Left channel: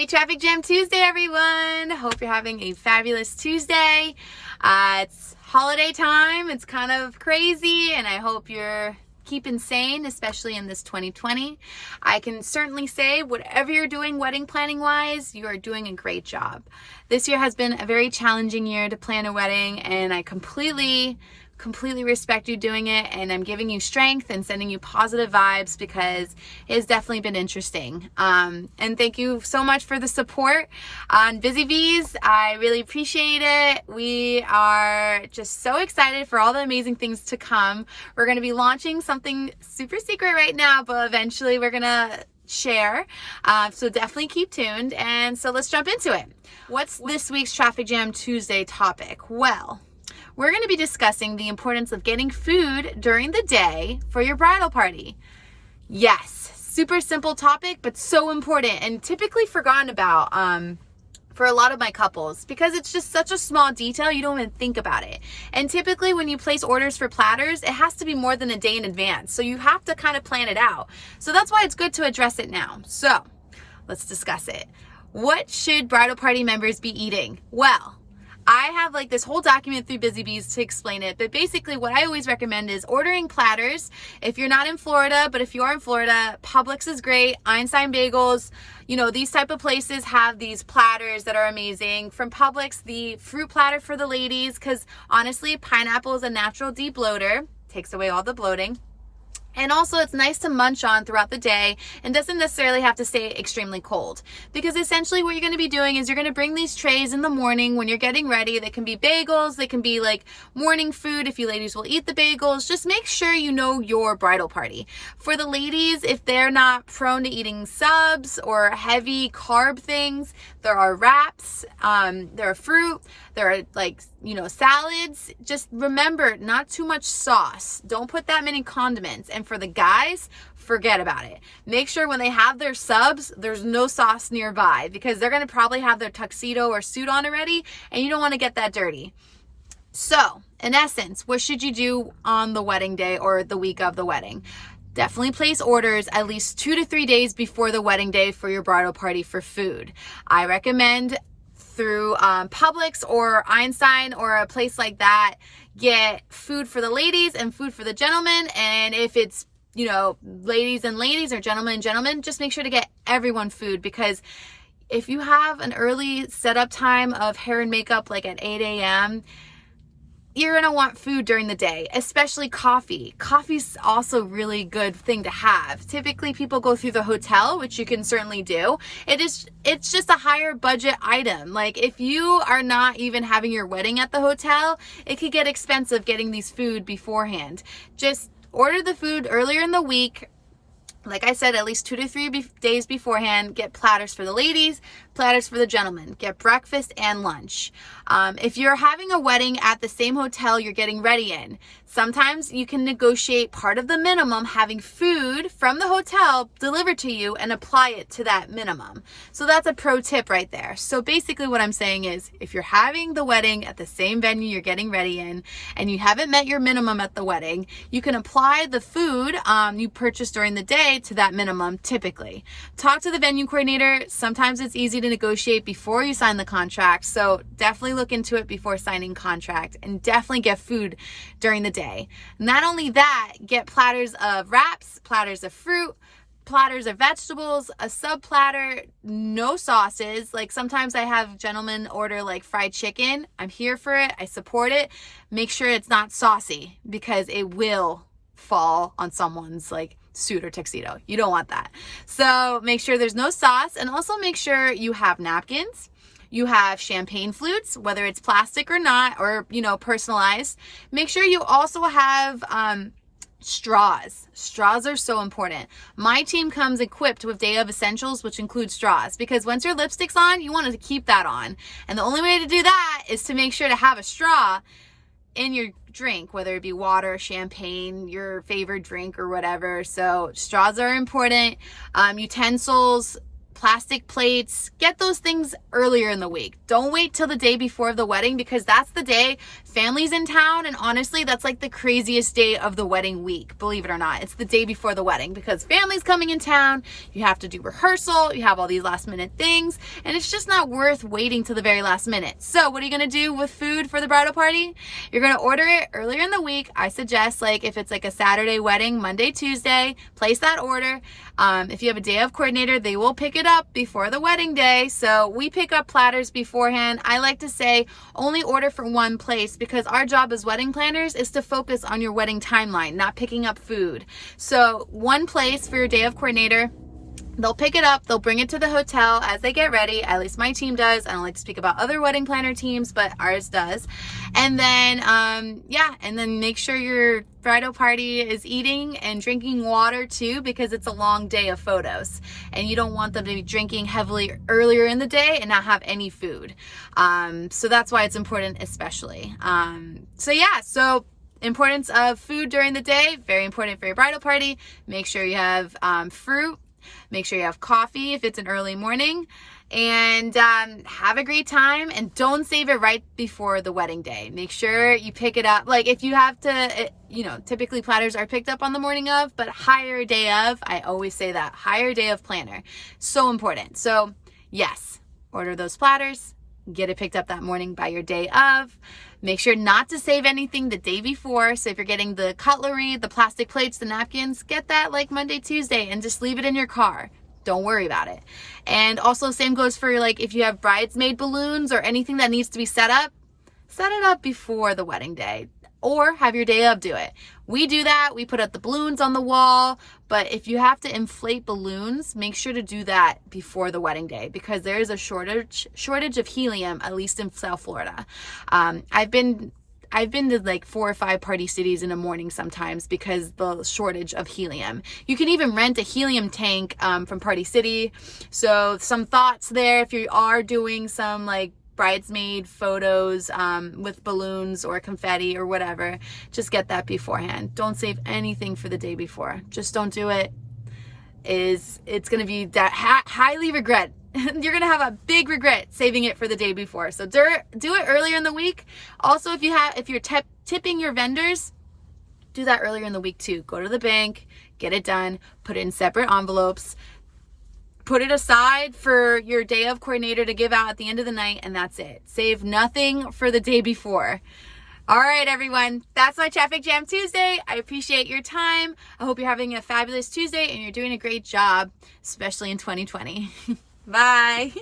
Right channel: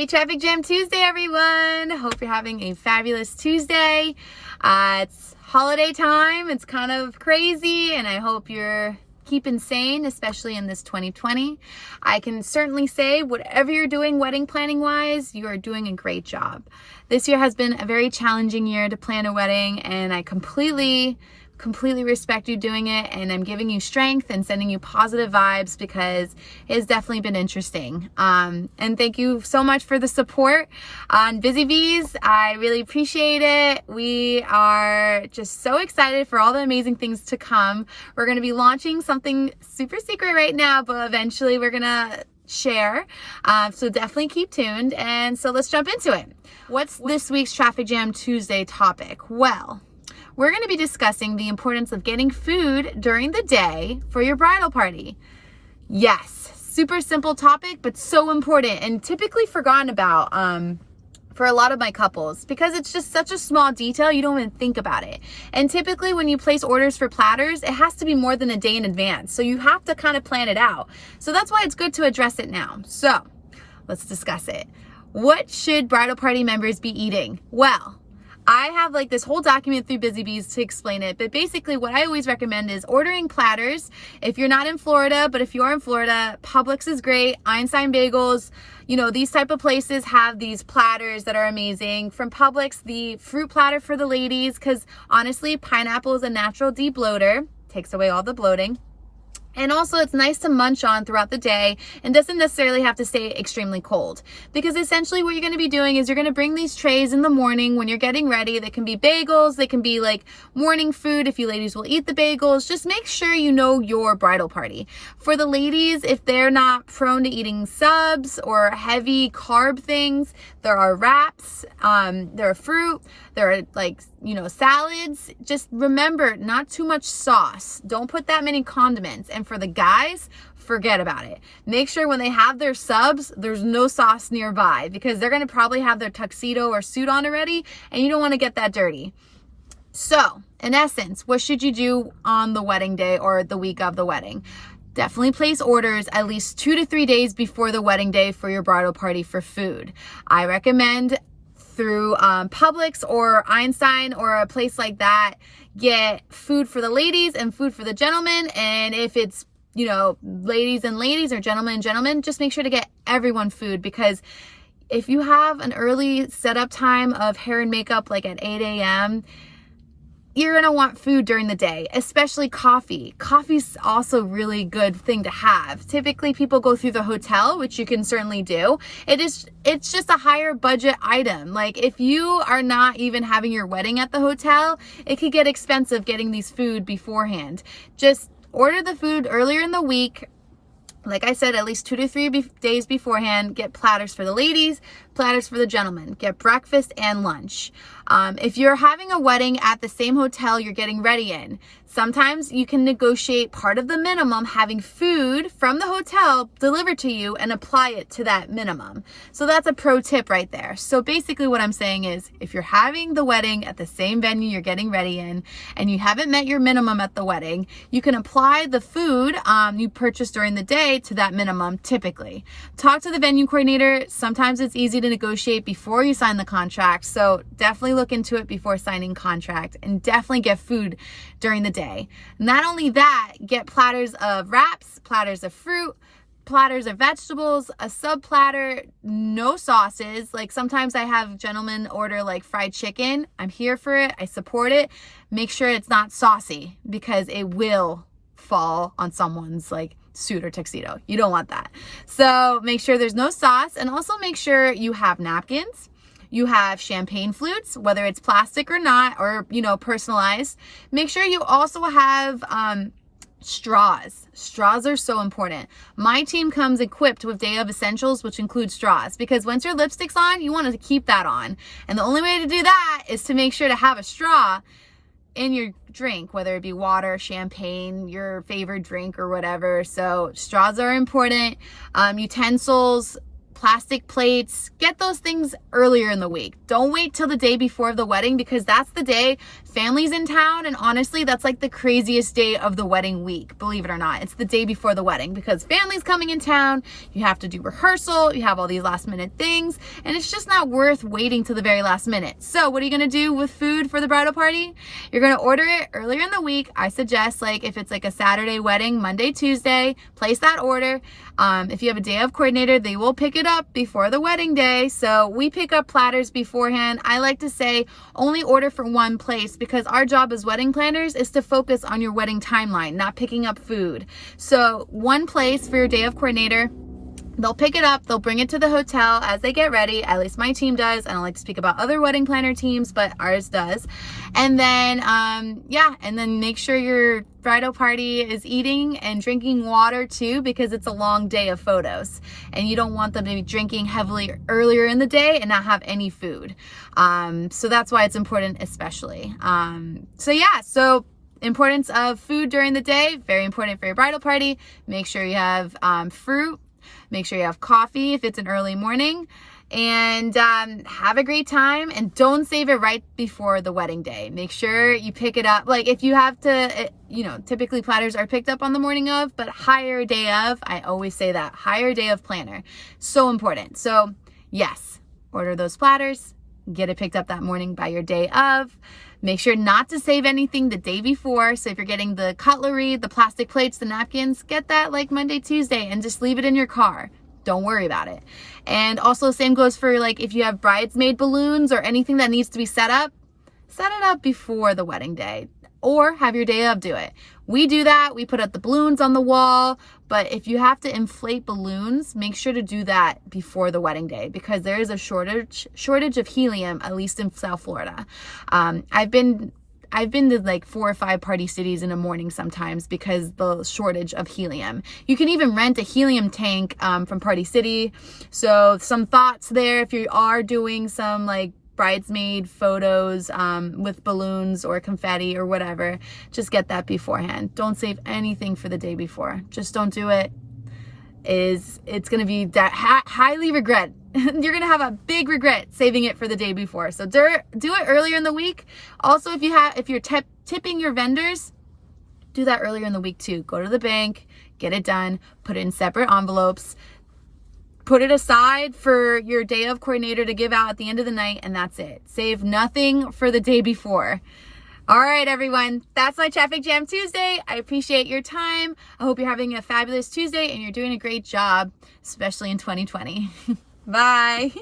Happy Traffic Jam Tuesday, everyone. Hope you're having a fabulous Tuesday. It's holiday time. It's kind of crazy, and I hope you're keeping sane, especially in this 2020. I can certainly say whatever you're doing wedding planning wise, you are doing a great job. This year has been a very challenging year to plan a wedding, and I completely respect you doing it, and I'm giving you strength and sending you positive vibes because it has definitely been interesting. And thank you so much for the support on Busy Bees. I really appreciate it. We are just so excited for all the amazing things to come. We're going to be launching something super secret right now, but eventually we're going to share. So definitely keep tuned. And so let's jump into it. What's this week's Traffic Jam Tuesday topic? Well, we're going to be discussing the importance of getting food during the day for your bridal party. Yes, super simple topic, but so important and typically forgotten about for a lot of my couples because it's just such a small detail, you don't even think about it. And typically when you place orders for platters, it has to be more than a day in advance. So you have to kind of plan it out. So that's why it's good to address it now. So let's discuss it. What should bridal party members be eating? Well, I have like this whole document through Busy Bees to explain it, but basically what I always recommend is ordering platters. If you're not in Florida, but if you are in Florida, Publix is great. Einstein Bagels, you know, these type of places have these platters that are amazing. From Publix, the fruit platter for the ladies, because honestly, pineapple is a natural de-bloater, takes away all the bloating. And also it's nice to munch on throughout the day and doesn't necessarily have to stay extremely cold. Because essentially what you're going to be doing is you're going to bring these trays in the morning when you're getting ready. They can be bagels, they can be like morning food if you ladies will eat the bagels. Just make sure you know your bridal party. For the ladies, if they're not prone to eating subs or heavy carb things, there are wraps, there are fruit, there are like, you know, salads. Just remember, not too much sauce. Don't put that many condiments. And for the guys, forget about it. Make sure when they have their subs, there's no sauce nearby because they're going to probably have their tuxedo or suit on already, and you don't want to get that dirty. So, in essence, what should you do on the wedding day or the week of the wedding? Definitely place orders at least 2 to 3 days before the wedding day for your bridal party for food. I recommend through Publix or Einstein or a place like that, get food for the ladies and food for the gentlemen. And if it's, you know, ladies and ladies or gentlemen and gentlemen, just make sure to get everyone food, because if you have an early setup time of hair and makeup like at 8 a.m., you're going to want food during the day, especially coffee. Coffee's also a really good thing to have. Typically people go through the hotel, which you can certainly do. It's just a higher budget item. Like if you are not even having your wedding at the hotel, it could get expensive getting these food beforehand. Just order the food earlier in the week. Like I said, at least 2 to 3 days beforehand. Get platters for the ladies, platters for the gentlemen. Get breakfast and lunch. If you're having a wedding at the same hotel you're getting ready in, sometimes you can negotiate part of the minimum, having food from the hotel delivered to you and apply it to that minimum. So that's a pro tip right there. So basically what I'm saying is, if you're having the wedding at the same venue you're getting ready in and you haven't met your minimum at the wedding, you can apply the food you purchased during the day to that minimum typically. Talk to the venue coordinator. Sometimes it's easy to negotiate before you sign the contract. So definitely look into it before signing contract, and definitely get food during the day. Not only that, get platters of wraps, platters of fruit, platters of vegetables, a sub platter, no sauces. Like sometimes I have gentlemen order like fried chicken. I'm here for it. I support it. Make sure it's not saucy because it will fall on someone's like suit or tuxedo. You don't want that. So make sure there's no sauce, and also make sure you have napkins. You have champagne flutes, whether it's plastic or not, or, you know, personalized. Make sure you also have straws. Straws are so important. My team comes equipped with Day of Essentials, which includes straws, because once your lipstick's on, you want to keep that on. And the only way to do that is to make sure to have a straw in your drink, whether it be water, champagne, your favorite drink or whatever. So straws are important. Utensils, plastic plates, get those things earlier in the week. Don't wait till the day before the wedding, because that's the day family's in town, and honestly, that's like the craziest day of the wedding week, believe it or not. It's the day before the wedding because family's coming in town, you have to do rehearsal, you have all these last minute things, and it's just not worth waiting to the very last minute. So what are you gonna do with food for the bridal party? You're gonna order it earlier in the week. I suggest, like, if it's like a Saturday wedding, Monday, Tuesday, place that order. If you have a day of coordinator, they will pick it up before the wedding day. So we pick up platters beforehand. I like to say only order for one place because our job as wedding planners is to focus on your wedding timeline, not picking up food. So one place for your day of coordinator. They'll pick it up, they'll bring it to the hotel as they get ready. At least my team does. I don't like to speak about other wedding planner teams, but ours does. And then, and then make sure your bridal party is eating and drinking water too, because it's a long day of photos and you don't want them to be drinking heavily earlier in the day and not have any food. So that's why it's important, especially. So importance of food during the day, very important for your bridal party. Make sure you have fruit. Make sure you have coffee if it's an early morning, and have a great time, and don't save it right before the wedding day. Make sure you pick it up. Like, if you have to, typically platters are picked up on the morning of, but hire a day of. I always say that, hire a day of planner. So important. So yes, order those platters, get it picked up that morning by your day of. Make sure not to save anything the day before. So if you're getting the cutlery, the plastic plates, the napkins, get that like Monday, Tuesday, and just leave it in your car. Don't worry about it. And also same goes for like if you have bridesmaid balloons or anything that needs to be set it up before the wedding day, or have your day of do it. We do that. We put up the balloons on the wall, but if you have to inflate balloons, make sure to do that before the wedding day because there is a shortage of helium, at least in South Florida. I've been to like 4 or 5 party cities in a morning sometimes because the shortage of helium. You can even rent a helium tank from Party City. So some thoughts there if you are doing some like bridesmaid photos with balloons or confetti or whatever, just get that beforehand. Don't save anything for the day before. Just don't do it. It's going to be highly regret. You're going to have a big regret saving it for the day before. So do it earlier in the week. Also, if you're tipping your vendors, do that earlier in the week too. Go to the bank, get it done, put it in separate envelopes. Put it aside for your day of coordinator to give out at the end of the night, and that's it. Save nothing for the day before. All right, everyone. That's my Traffic Jam Tuesday. I appreciate your time. I hope you're having a fabulous Tuesday and you're doing a great job, especially in 2020. Bye.